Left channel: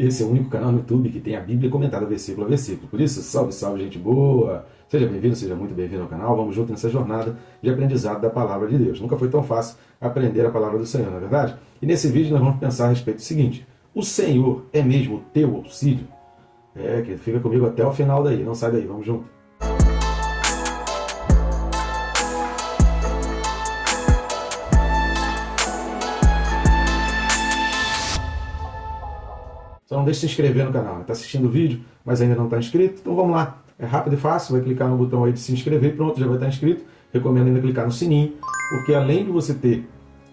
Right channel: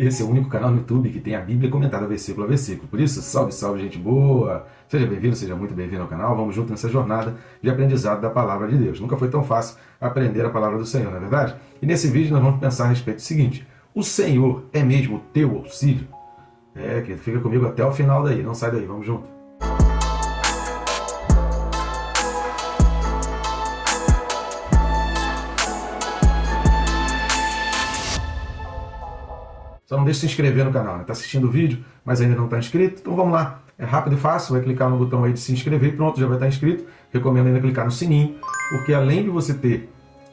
Esse é o único canal no YouTube que tem a Bíblia comentada versículo a versículo. Por isso, salve, salve, gente boa! Seja bem-vindo, seja muito bem-vindo ao canal. Vamos junto nessa jornada de aprendizado da Palavra de Deus. Nunca foi tão fácil aprender a Palavra do Senhor, não é verdade? E nesse vídeo nós vamos pensar a respeito do seguinte: o Senhor é mesmo o teu auxílio? Que fica comigo até o final daí. Não sai daí, vamos junto. Então não deixe de se inscrever no canal. Está assistindo o vídeo, mas ainda não está inscrito? Então vamos lá. É rápido e fácil. Vai clicar no botão aí de se inscrever. Pronto, já vai estar inscrito. Recomendo ainda clicar no sininho, porque além de você ter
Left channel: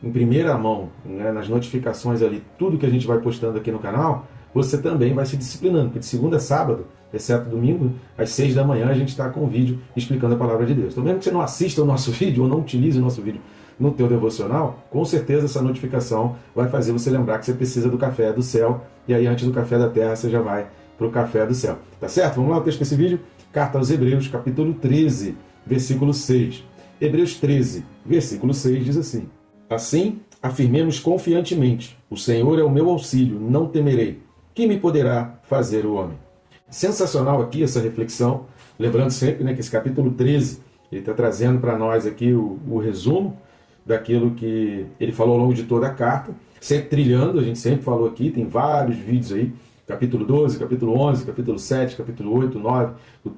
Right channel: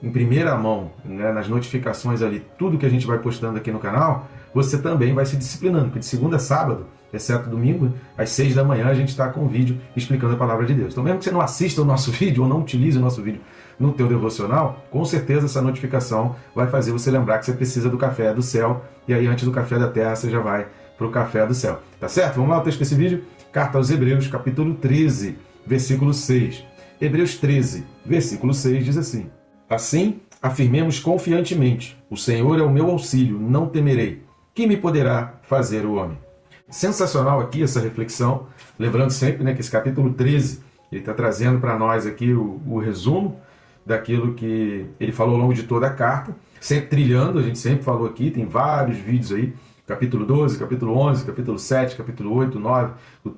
em primeira mão, né, nas notificações ali, tudo que a gente vai postando aqui no canal, você também vai se disciplinando. Porque de segunda a sábado, exceto domingo, às 6 da manhã, a gente está com um vídeo explicando a Palavra de Deus. Então mesmo que você não assista o nosso vídeo ou não utilize o nosso vídeo no teu devocional, com certeza essa notificação vai fazer você lembrar que você precisa do café do céu, e aí antes do café da terra você já vai para o café do céu. Tá certo? Vamos lá, o texto desse vídeo? Carta aos Hebreus, capítulo 13, versículo 6. Hebreus 13, versículo 6 diz assim: assim, afirmemos confiantemente, o Senhor é o meu auxílio, não temerei. Que me poderá fazer o homem? Sensacional aqui essa reflexão, lembrando sempre, né, que esse capítulo 13, ele está trazendo para nós aqui o resumo daquilo que ele falou ao longo de toda a carta, sempre trilhando, a gente sempre falou aqui, tem vários vídeos aí, capítulo 12, capítulo 11, capítulo 7, capítulo 8, 9,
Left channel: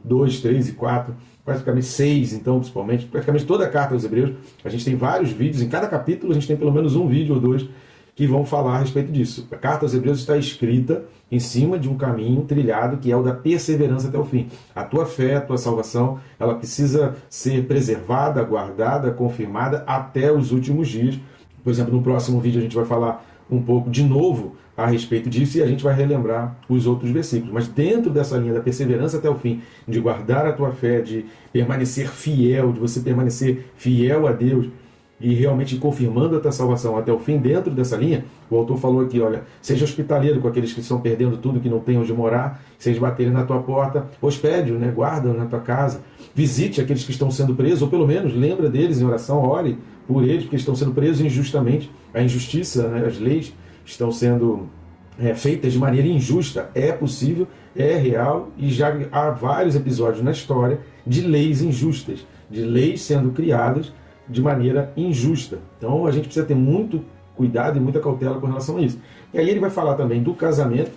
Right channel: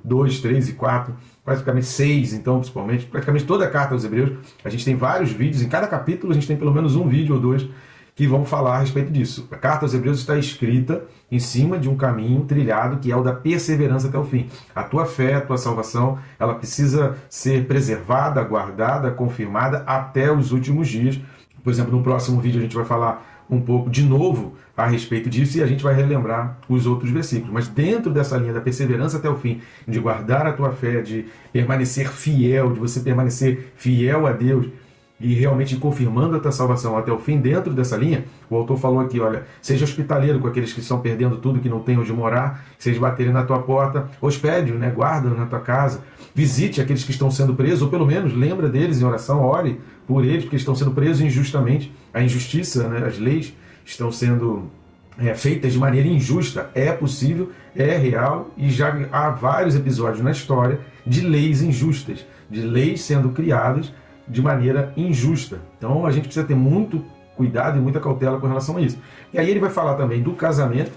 2, 3 e 4, praticamente 6, então, principalmente, praticamente toda a carta aos Hebreus, a gente tem vários vídeos, em cada capítulo a gente tem pelo menos um vídeo ou dois que vão falar a respeito disso. A carta aos Hebreus está escrita em cima de um caminho trilhado que é o da perseverança até o fim. A tua fé, a tua salvação, ela precisa ser preservada, guardada, confirmada até os últimos dias. Por exemplo, no próximo vídeo a gente vai falar um pouco de novo a respeito disso e a gente vai relembrar os outros versículos. Mas dentro dessa linha da perseverança até o fim, de guardar a tua fé, de permanecer fiel, de você permanecer fiel a Deus, e realmente confirmando a tua salvação até o fim, dentro dessa linha, o autor falou aqui, olha, seja hospitaleiro com aqueles que estão perdendo tudo, que não têm onde morar, se eles baterem na tua porta, hospede-o, né, guarda-o na tua casa, visite aqueles que estão sendo presos, ou pelo menos lembra deles em oração, ore por eles, porque estão sendo presos injustamente, a injustiça, né, as leis estão sendo feitas de maneira injusta, é possível, é real, e já há vários episódios na história de leis injustas, de leis sendo criadas de maneira injusta. Então a gente precisa ter muito cuidado e muita cautela com relação a isso. E aí ele vai falar também do casamento,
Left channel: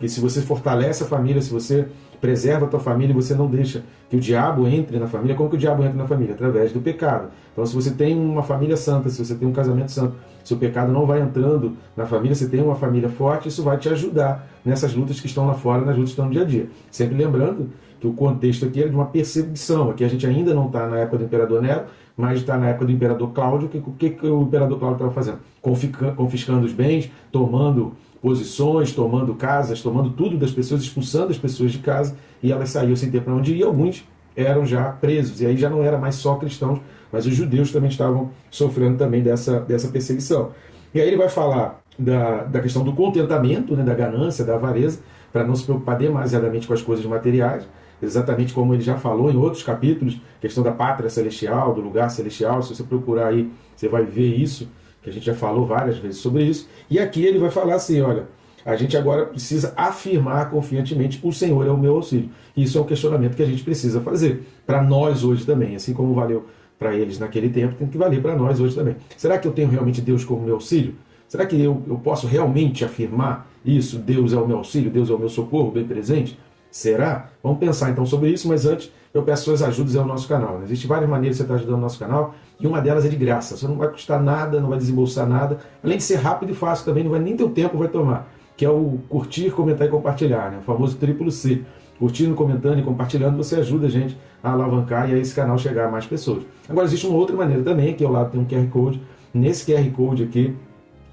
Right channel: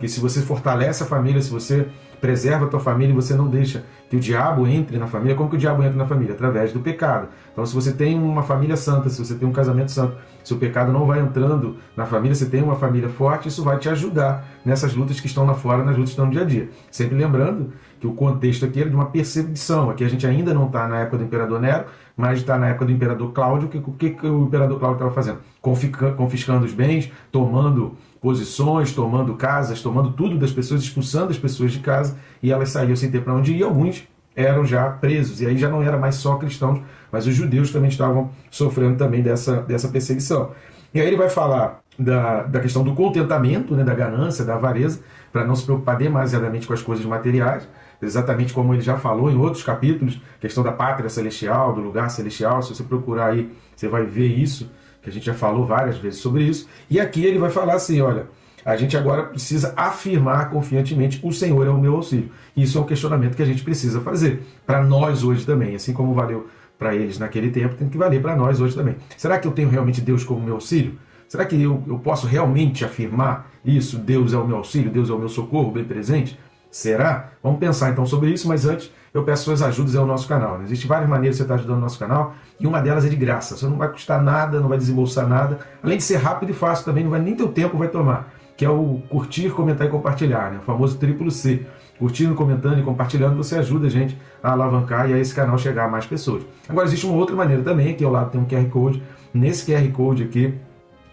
que se você fortalece a família, se você preserva a tua família e você não deixa que o diabo entre na família, como que o diabo entra na família? Através do pecado. Então se você tem uma família santa, se você tem um casamento santo, se o pecado não vai entrando na família, você tem uma família forte, isso vai te ajudar nessas lutas que estão lá fora, nas lutas que estão no dia a dia. Sempre lembrando que o contexto aqui é de uma perseguição. Aqui a gente ainda não está na época do imperador Nero, mas está na época do imperador Cláudio. O que o imperador Cláudio estava fazendo? Confiscando os bens, tomando posições, tomando casas, tomando tudo das pessoas, expulsando as pessoas de casa, e elas saíam sem ter para onde ir, e alguns eram já presos, e aí já não era mais só cristãos, mas os judeus também estavam sofrendo também dessa perseguição. E aí ele vai falar da questão do contentamento, né, da ganância, da avareza, para não se preocupar demasiadamente com as coisas materiais, exatamente como ele já falou em outros capítulos, questão da pátria celestial, do lugar celestial. Se você procurar aí, você vai ver isso, que a gente já falou várias vezes sobre isso. E aqui ele vai falar assim, olha, a gente agora precisa afirmar confiantemente, o Senhor é o meu auxílio. Isso é um questionamento que a gente precisa fazer para nós hoje também, assim como valeu para eles naquele tempo, tem que valer para nós hoje também. Será que eu tenho realmente Deus como meu auxílio? Será que eu posso realmente afirmar isso? Deus é o meu auxílio, Deus é o meu socorro bem presente? Será? Vamos pensar então sobre isso, mas antes eu peço suas ajudas ao nosso canal. Né? Existem várias maneiras de você estar ajudando o nosso canal, e uma delas é de graça. Você não vai custar nada, não vai desembolsar nada, além de ser rápido e fácil também, não vai nem teu tempo vai tomar, que é o curtir, comentar e compartilhar, né? O famoso triplo C. Curtindo, comentando e compartilhando, você ajuda a gente a alavancar e a esse canal chegar a mais pessoas. Agora existe uma outra maneira também, que ao lado tem um QR Code. Nesse QR Code aqui,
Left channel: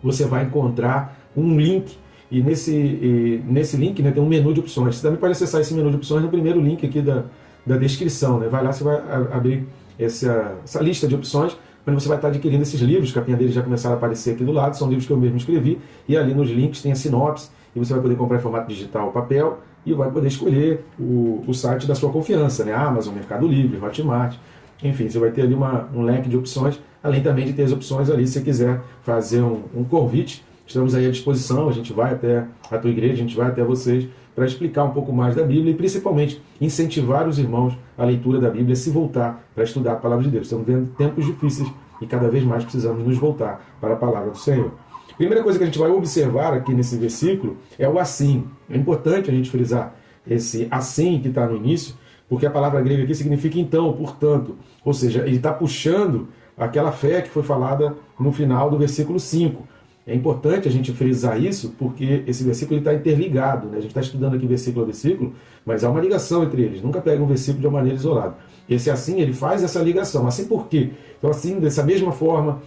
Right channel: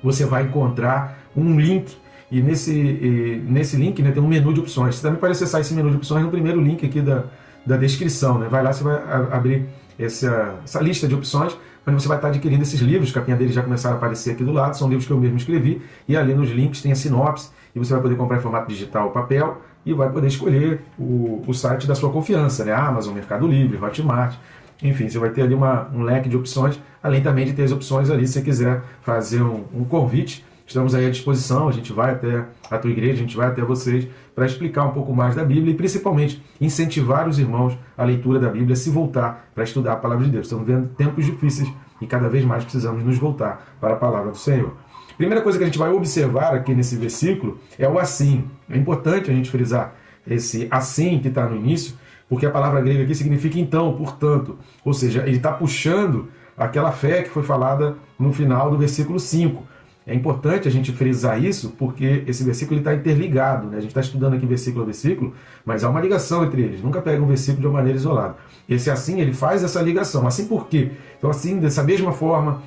você vai encontrar um link, e nesse link, né, tem um menu de opções. Você também pode acessar esse menu de opções no primeiro link aqui da descrição. Né? Vai lá, você vai abrir essa lista de opções, onde você vai estar adquirindo esses livros, capinha deles já começaram a aparecer aqui do lado, são livros que eu mesmo escrevi, e ali nos links tem a sinopse, e você vai poder comprar em formato digital ou papel, e vai poder escolher o site da sua confiança, né? Amazon, Mercado Livre, Hotmart, enfim, você vai ter ali um leque de opções, além também de ter as opções ali, se você quiser fazer um convite estamos aí à disposição, a gente vai até a tua igreja, a gente vai até vocês para explicar um pouco mais da Bíblia e principalmente incentivar os irmãos à leitura da Bíblia, se voltar para estudar a palavra de Deus. Estamos vendo tempos difíceis e cada vez mais precisamos nos voltar para a palavra do Senhor. Primeira coisa que a gente vai observar aqui nesse versículo é o assim. É importante a gente frisar esse assim que está no início, porque a palavra grega aqui significa então, portanto. Ou seja, ele está puxando aquela fé que foi falada no final do versículo 5. É importante a gente frisar isso, porque esse versículo está interligado, né? A gente está estudando aqui versículo a versículo, mas há uma ligação entre eles. Nunca pega um versículo de uma maneira isolada. E esse assim, ele faz essa ligação. Assim por quê? Então assim, dessa mesma forma,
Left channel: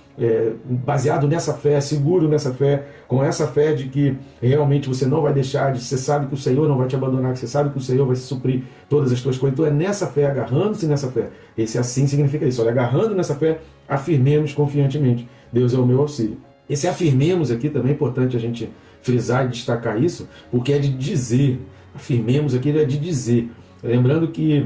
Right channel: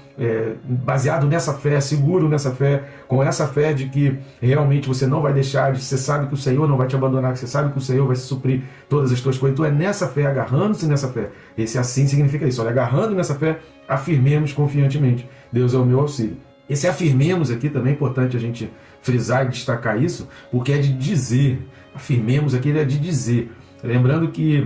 baseado nessa fé, seguro nessa fé, com essa fé de que realmente você não vai deixar, você sabe que o Senhor não vai te abandonar, que você sabe que o Senhor vai suprir todas as tuas coisas. Então é nessa fé, agarrando-se nessa fé. Esse assim significa isso. Olha, agarrando nessa fé, afirmemos confiantemente. Deus é o meu auxílio. Esse afirmemos aqui também é importante a gente frisar e destacar isso, porque é de dizer. Afirmemos aqui é de dizer. Lembrando que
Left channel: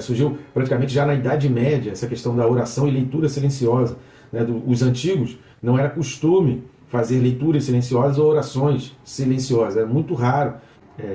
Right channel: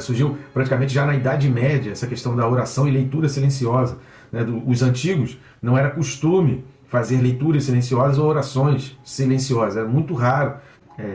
surgiu praticamente já na Idade Média essa questão da oração e leitura silenciosa. Né? Os antigos não era costume fazer leituras silenciosas ou orações silenciosas. Era muito raro.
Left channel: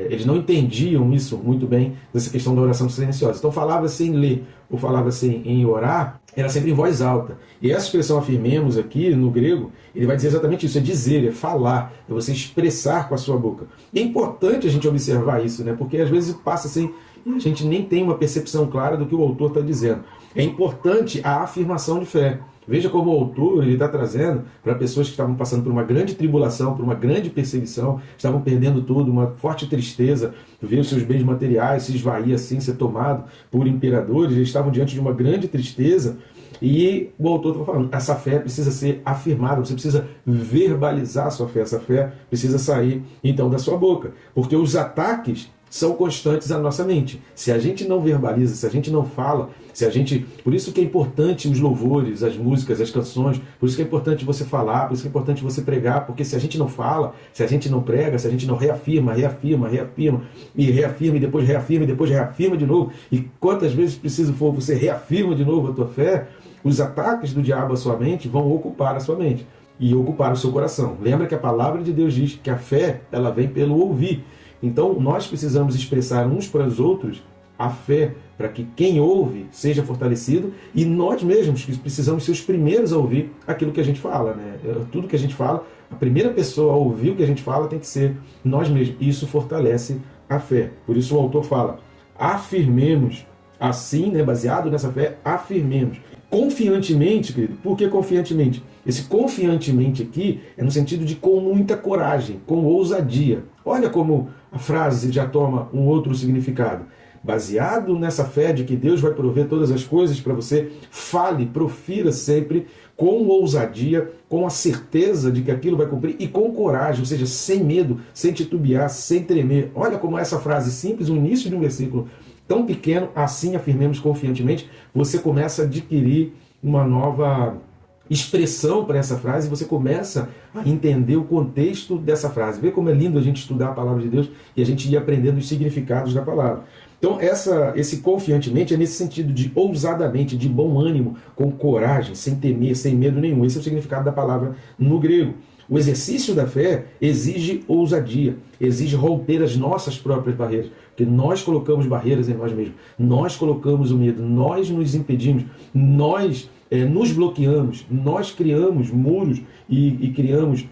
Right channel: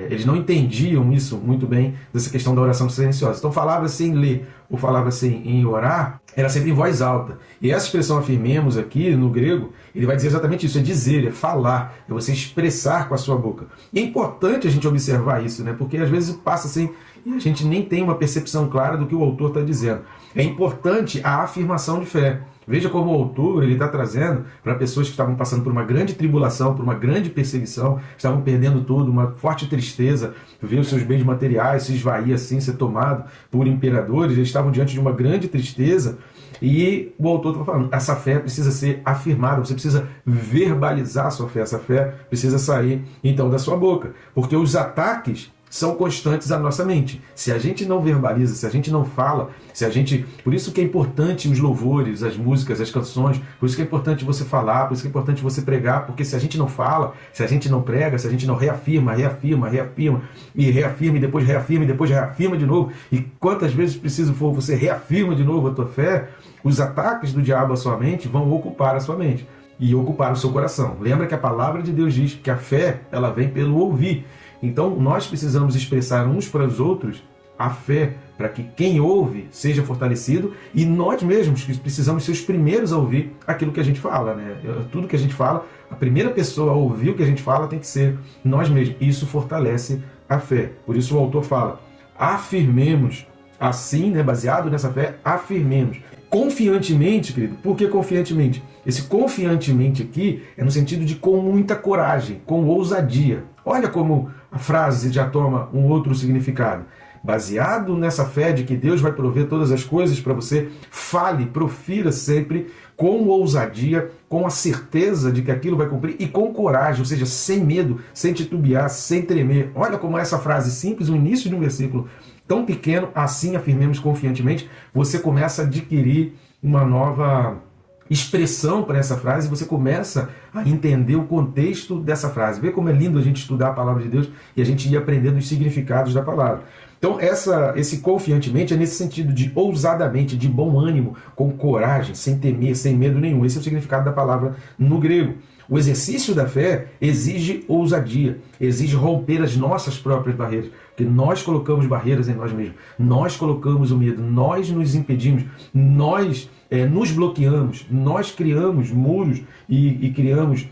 Eles não entendiam isso muito bem, dessa questão da oração silenciosa. Então falava-se em ler ou falava-se em orar, era sempre em voz alta. E essa expressão afirmemos aqui, no grego, ele vai dizer exatamente isso, é dizer, é falar, é você expressar com a sua boca. E é importante a gente observar isso, né? Porque às vezes passa assim, e a gente nem tem uma percepção clara do que o autor está dizendo. É importante a afirmação de fé. Veja como o autor está trazendo para pessoas que estavam passando por uma grande tribulação, por uma grande perseguição, estavam perdendo tudo, uma forte tristeza, viram seus bens materiais se esvair assim, ser tomado por imperadores, eles estavam diante de uma grande tristeza, e o autor está falando, essa fé precisa ser afirmada, você precisa verbalizar a sua fé, essa fé precisa sair então da sua boca, porque os ataques são constantes à nossa mente. Se a gente não verbaliza, se a gente não fala, se a gente... Por isso que é importante os louvores, as músicas, as canções, por isso que é importante você falar, por isso que é importante você pregar, porque se a gente não fala, se a gente não prega, se a gente não reafirma, e depois reafirma de novo, e quantas vezes preciso for você reafirma de novo a tua fé, os ataques do diabo à sua mente vão ocupar a sua mente e ocupar o seu coração. Lembra que a palavra de Deus diz que a fé, ela vem pelo ouvir. Então, nós precisamos expressar uns para os outros a fé, para que quem ouve seja fortalecido, e nós mesmos precisamos ser os primeiros a ouvir aquilo que a gente fala, né? Tudo que a gente fala, a primeira pessoa a ouvir o que a gente fala tem que ser nós mesmos. Isso fortalece a fé. Por isso o autor fala, afirmemos, assim, né, baseado nessa fé, afirmemos. Confiantemente, querido, por que confiantemente? Esse confiantemente aqui é no sentido de com muita coragem, com ousadia. Olha como a frase já toma um outro significado. Baseado nessa fé de que Deus vai prover todas as coisas para você, fale, profira sempre com ousadia, com a certeza de que aquilo vai cumprir e com coragem, ou seja, sem medo, sem titubear, sem tremer. Olha como essa frase simples, o início de um versículo tão pequeno, assim afirmemos confiantemente, você começa a adquirir uma nova expressão para essa frase, você começa a entender o contexto dessa frase. Vê como é lindo a gente estudar a palavra de Deus e a gente ir aprendendo os significados da palavra. Então, esse confiantemente é nesse sentido de ousadamente, de bom ânimo, com coragem, sem temer, sem medo nenhum. Esse é o significado da palavra no grego. O exercício da fé exige ousadia, exige romper as nossas próprias barreiras, porque nós colocamos barreiras em nós mesmos, nós colocamos o medo, nós nos impedimos, nós nos bloqueamos, nós criamos muros e criamos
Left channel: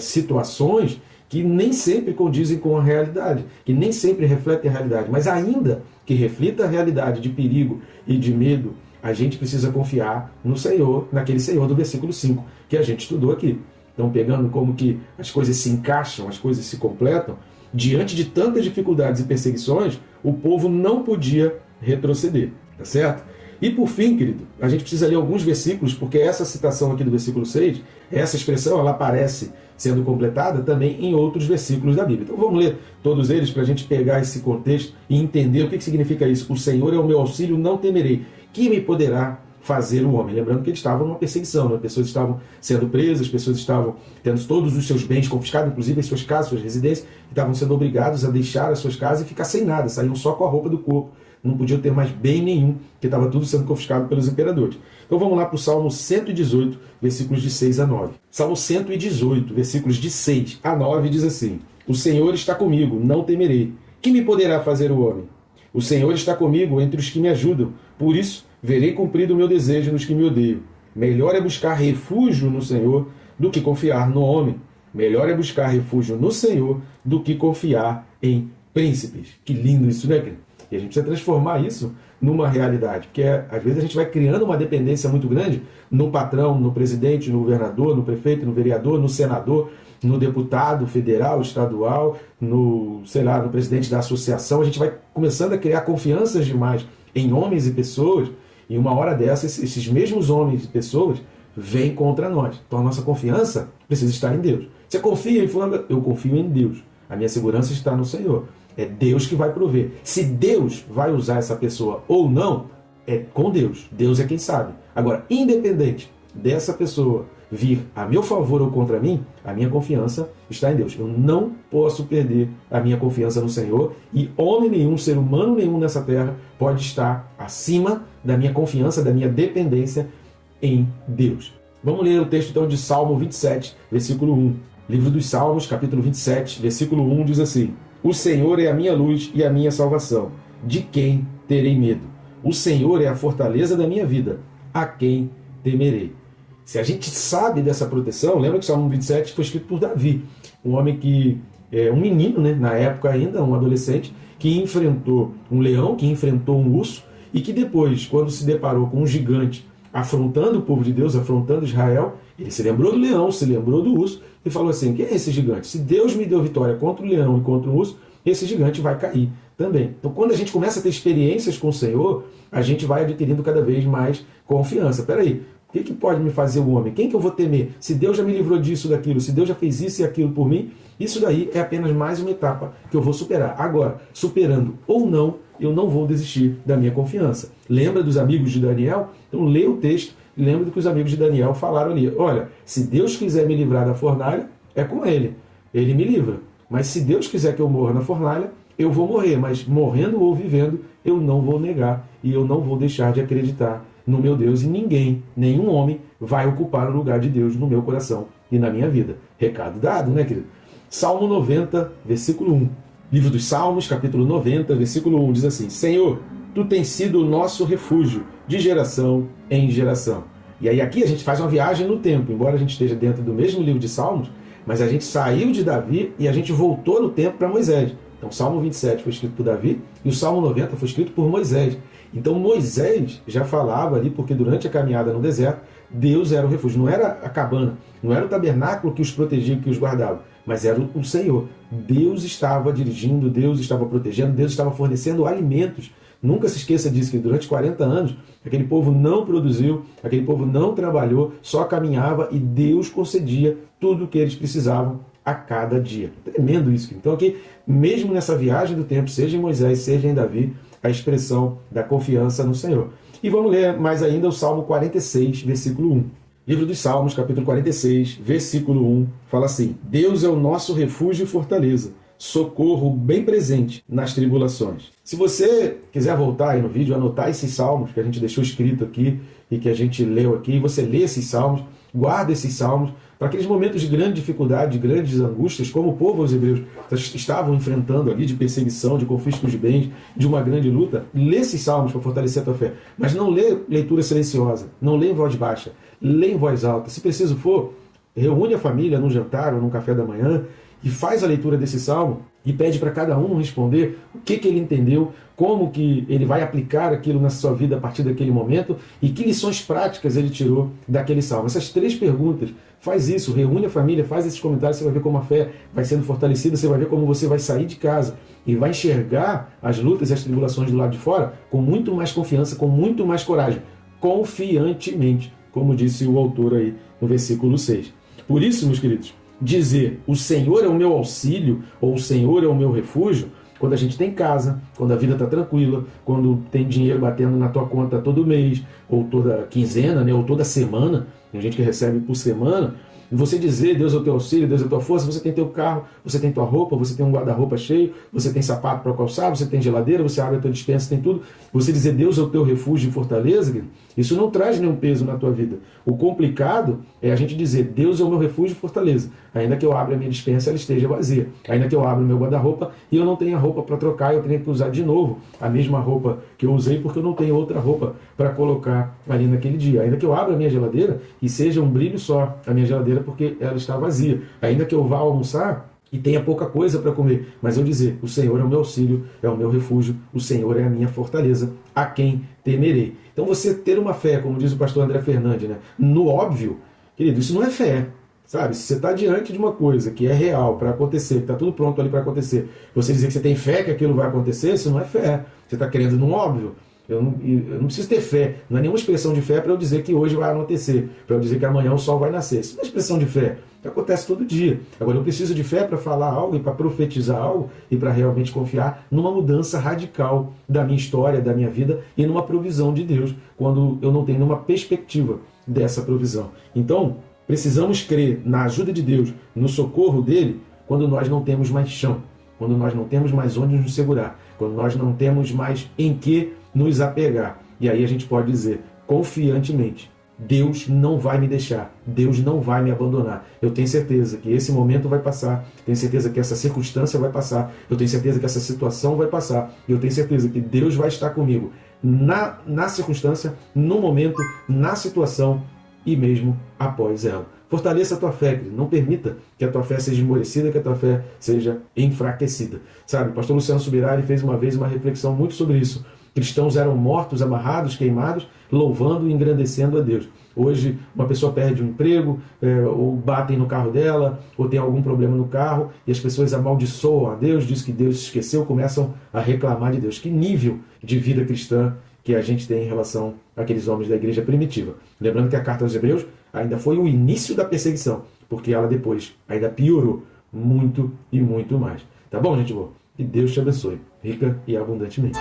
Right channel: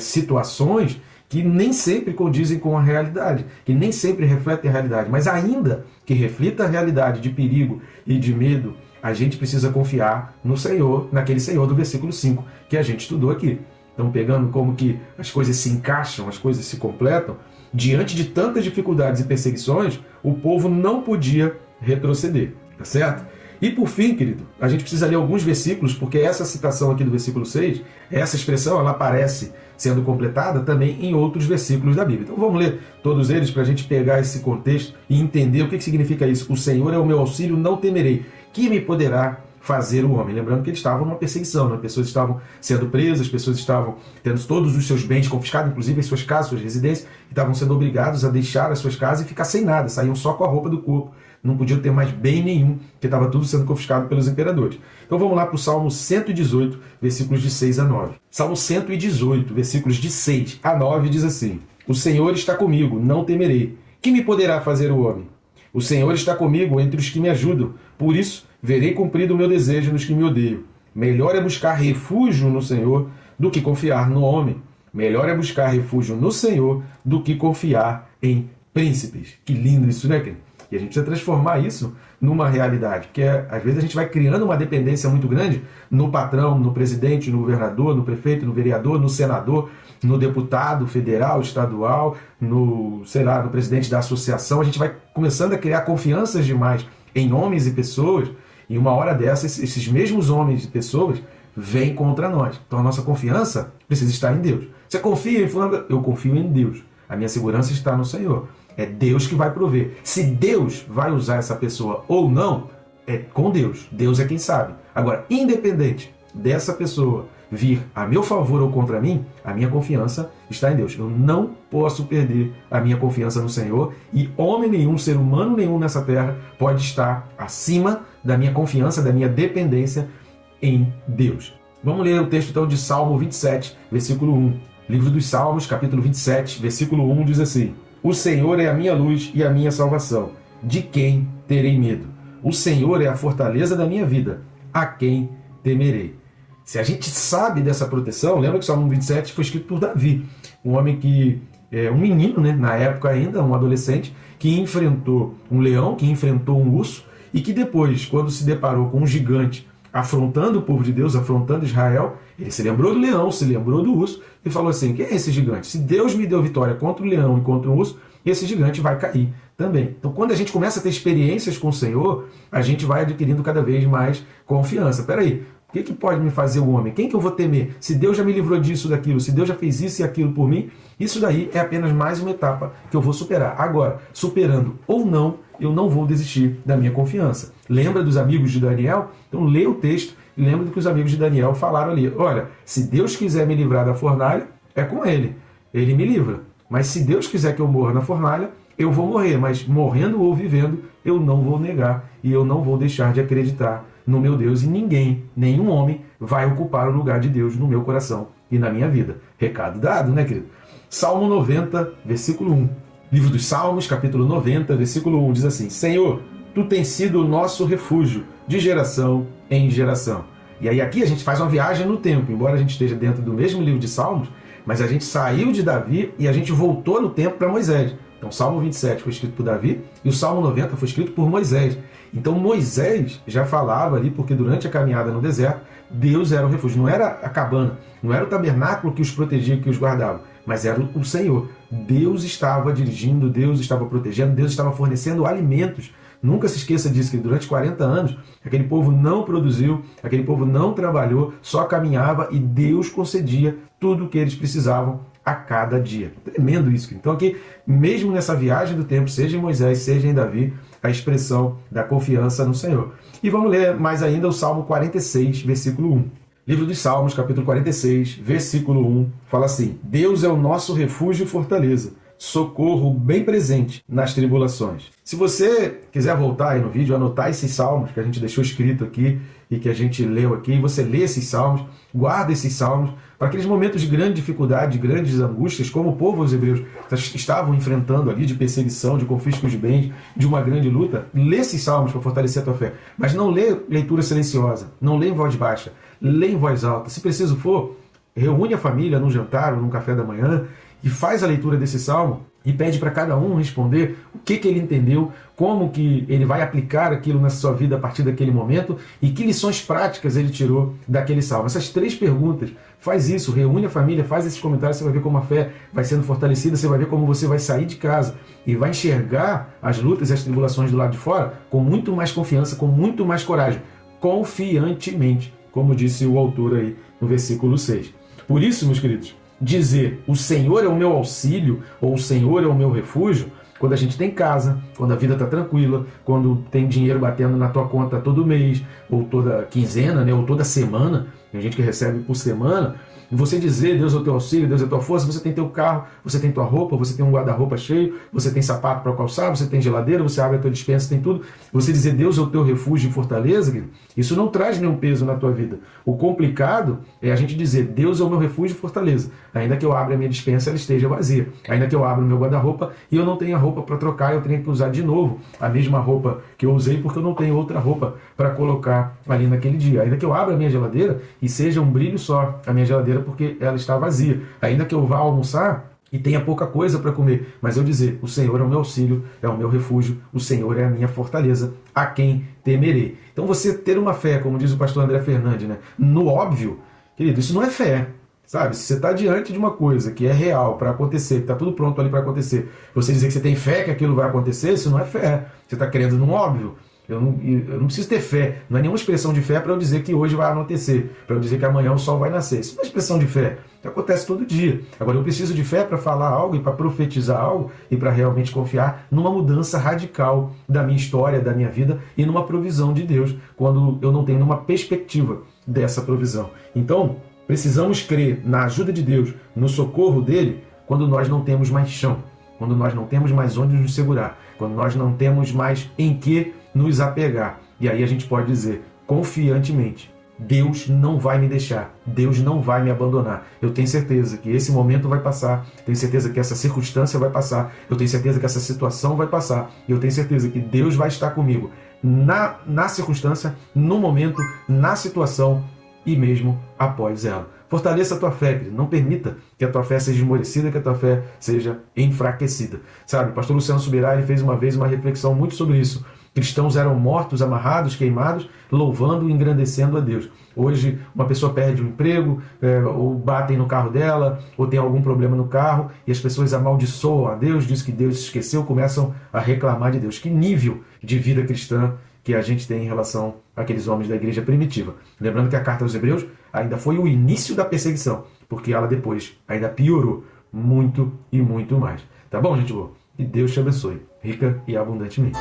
situações que nem sempre condizem com a realidade, que nem sempre refletem a realidade, mas ainda que reflita a realidade de perigo e de medo, a gente precisa confiar no Senhor, naquele Senhor do versículo 5 que a gente estudou aqui. Então, pegando como que as coisas se encaixam, as coisas se completam, diante de tantas dificuldades e perseguições, o povo não podia retroceder, tá certo? E por fim, querido, a gente precisa ler alguns versículos, porque essa citação aqui do versículo 6, essa expressão, ela aparece sendo completada também em outros versículos da Bíblia. Então vamos ler todos eles para a gente pegar esse contexto e entender o que significa isso. O Senhor é o meu auxílio, não temerei. Que me poderá fazer o homem? Lembrando que eles estavam numa perseguição, né? Pessoas estavam sendo presas, pessoas estavam tendo todos os seus bens confiscados, inclusive em suas casas, suas residências, e estavam sendo obrigados a deixar as suas casas e ficar sem nada, saíam só com a roupa do corpo, não podiam ter mais bem nenhum, porque estava tudo sendo confiscado pelos imperadores. Então vamos lá para o Salmo 118, versículos de 6 a 9. Salmo 118, versículos de 6 a 9 diz assim: O Senhor está comigo, não temerei. Que me poderá fazer o homem? O Senhor está comigo entre os que me ajudam. Por isso, verei cumprido o meu desejo nos que me odeiam. Melhor é buscar refúgio no Senhor do que confiar no homem. Melhor é buscar refúgio no Senhor do que confiar em príncipes. Que lindo isso, né, querido? E a gente precisa transformar isso numa realidade, porque às vezes a gente vai criando uma dependência muito grande no patrão, no presidente, no governador, no prefeito, no vereador, no senador, no deputado federal, estadual, no presidente da associação. A gente vai começando a criar confianças demais em homens e pessoas, e uma hora dessas, esses mesmos homens e pessoas vêm contra nós. Então a nossa confiança precisa estar em Deus. Você confia em fulano? Eu confio em Deus. A minha segurança está no Senhor. É Deus que vai prover. Se Deus vai usar essa pessoa ou não, é com Deus. Deus é quem sabe. Agora, independente dessa pessoa vir a meu favor ou contra mim, a minha confiança está em Deus. Eu não posso perder a minha confiança no Senhor, e homem nenhum, ser humano nenhum nessa terra pode estar acima da minha confiança, da minha dependência em Deus. Vamos ler o texto então de Salmo 27, versículo 1. Livro dos Salmos, capítulo 27, versículo 1 diz assim: O Senhor é a minha luz e a minha salvação. De quem terei medo? O Senhor é a fortaleza da minha vida. A quem temerei? Se a gente sabe dessa proteção, lembra que o Salmo 27 foi escrito por Davi, um homem que é um menino, né, na época ainda, um adolescente, que enfrentou um leão, que enfrentou um urso, e que depois, quando se deparou com um gigante afrontando o povo de Deus, afrontando Israel, ele se lembrou do leão, se lembrou do urso, e falou assim: quem é esse gigante? Se Deus me deu vitória contra o leão e contra o urso, esse gigante vai cair também. Então, quando a gente começa a ter experiências com o Senhor, a gente vai adquirindo cada vez mais confiança. Peraí, o que pode me fazer o homem? Quem que eu vou temer? Se Deus já me livrou disso, daquilo, se Deus já fez isso e aquilo por mim, isso daí é apenas mais uma etapa que eu vou superar. Agora, superando ou não, eu não vou desistir da minha confiança. Lembra dos amigos de Daniel? Então lê o texto e lembra do que os amigos de Daniel falaram ali. Olha, se Deus quiser me livrar da fornalha, é com ele. Ele me livra. Mas se Deus quiser que eu morra na fornalha, eu vou morrer. Mas morrendo ou vivendo, eu não vou negar e eu não vou deixar de acreditar no meu Deus, e ninguém, nenhum homem, vai ocupar o lugar de Deus no meu coração e na minha vida. Recado dado, né, querido? Salmo 90, versículo 1. Livro dos Salmos, capítulo 90, versículo 1, diz assim: Senhor, Tu tens sido o nosso refúgio, de geração em geração. E aí aqui a gente faz uma viagem no tempo, embora a gente esteja dentro do mesmo livro de Salmos, mas a gente saiu de Davi e a gente voltou no tempo para Moisés. Então o Salmo 27 foi escrito por Davi e o Salmo 90 foi escrito por Moisés. Então Moisés já falava ali, porque durante a caminhada no deserto, Deus era o refúgio. Não era a cabana, não era o tabernáculo que os protegia, que os guardava, mas era o Senhor. Deus estava dirigindo, Deus estava protegendo, Deus estava fornecendo alimentos. Nunca se esqueça disso, que durante 40 anos, aquele povo não produziu, aquele povo não trabalhou, só caminhava e Deus concedia tudo o que eles precisavam a cada dia. Tremendo isso. Então aqui, mesmo nessa viagem do tempo, seja em Moisés, seja em Davi, a expressão da confiança no Senhor. E vamos ler mais ainda o Salmo 46, versículo 1. Livro dos Salmos, capítulo 46, versículo 1, fala assim: Deus é o nosso refúgio e fortaleza, socorro bem presente nas tribulações. Se você quiser voltar aí no vídeo, anotar esses salmos que a gente deixou escrito aqui e que a gente leu aqui, e você lê esses salmos, guarda esses salmos, para aqueles momentos de grande dificuldade, de grandes angústias, como o povo os hebreus estavam enfrentando ali, de perseguição, de confisco de bens, de uma grande luta, lê esses salmos para fortalecer a tua fé. Mas não lê leitura silenciosa, não lê em voz baixa, lê em voz alta. Se preciso for, reúne a família num jantar ou num café da manhã e faz a leitura desse salmo e pede para cada um responder o que ele entendeu, como que ele vai aplicar aquilo na sua vida a partir daquele momento e que lições práticas ele tirou daquele salmo. Essas 3 perguntas, faz isso, reúne a família, faz esses comentários, você vai ver como a fé vai sendo fortalecida, você vai ver como você vai sair de casa e vai enxergar as lutas e as tribulações do lado de fora com muito mais confiança, com muito mais coragem, confiantemente, como disse o autor aí no versículo 6. Por isso, meus queridos, dizer o Senhor é o meu auxílio ou o Senhor é o meu refúgio, quando a gente tem casa, quando a vida está tranquila, quando tem dinheiro batendo na tua conta todo mês, ou toda quinzena, né, ou toda semana, tem gente que recebe por semana, E você dizer, Deus é o teu auxílio, Deus é a tua força, você tem teu carro, você tem tua roupa, você tem um guarda-roupa cheio, você tem sapato para calçar, você tem geladeira, você abre a tua despensa, tem tudo. Você dizer, Deus é o teu refúgio e fortaleza, isso não traz nenhum peso na tua vida. O complicado é a gente dizer, Deus é o meu refúgio e fortaleza. Ainda que eu abra a minha despensa, ela esteja vazia. Ainda que eu abra o meu guarda-roupa e eu não tenha roupa para trocar, eu tenho que usar de novo a mesma roupa que eu usei, porque eu não tenho outra roupa para colocar ali naquele dia. Ainda que eu abra a minha geladeira e seja um brilho só a minha geladeira, porque ela está vazia. Ainda que eu vá almoçar e tenha pouca coisa para comer, mas eu dizer, o Senhor é o meu auxílio, é o meu refúgio, o Senhor é a minha fortaleza, a quem temerei. Então você ter uma fé, como diz o pastor André Fernandes, né, no óbvio, querido, isso não é fé. Sabe, se você está diante de uma coisa que é real para acontecer, que está tudo pronto ali para acontecer, você dizer que você tem fé que aquilo vai acontecer, isso não é fé. Você está crendo no óbvio. Eu não preciso ter fé. Não é nenhuma expressão de fé para eu dizer que hoje vai anoitecer, para eu dizer que amanhã o sol vai nascer. Isso não é expressão de fé. Acontece todo dia. Agora, eu preciso de fé para falar algo e para profetizar algo e para realmente confiar numa mudança radical da minha história, da minha vida e numa provisão de Deus, quando eu não tenho nenhuma perspectiva dessa provisão. Então, precisamos crer na ajuda de Deus, no socorro dele, quando nós não temos mais chão, quando nós não temos mais onde nos segurar, quando nós não temos mais em que nos apegar. E aí a gente pode dizer, confiantemente, Deus não vai me deixar, Deus não vai me abandonar. Eu tenho certeza que esse momento vai passar, tenho certeza que essa circunstância vai passar, eu tenho certeza que essa situação vai passar, e eu tenho certeza que Deus vai estar comigo na circunstância, no momento, na situação e mesmo após ela. Fortaleça a tua fé, querido. Não permita que a tua fé seja esmorecida, que a tua fé seja enfraquecida. Sabe, o pastor Luciano Subirá, ele fez uma vez uma reflexão muito sobre isso. Cristãos eram mortos, amarrados, queimados, louvando e engrandecendo a Deus. Hoje, uma pessoa perde o emprego, ou batem no carro dela, ou tem algum problema no carro, e as pessoas amaldiçoam a Deus, diz que Deus se esqueceu, começam a reclamar de Deus. Que nível de vida cristã que a gente tem em relação àqueles homens da igreja primitiva. Lembrando que a carta aos Hebreus ainda foi o início da perseguição, porque ela depois ainda piorou muito e muito mais. Tá bom, gente boa? Que Deus te abençoe, rica e abundantemente.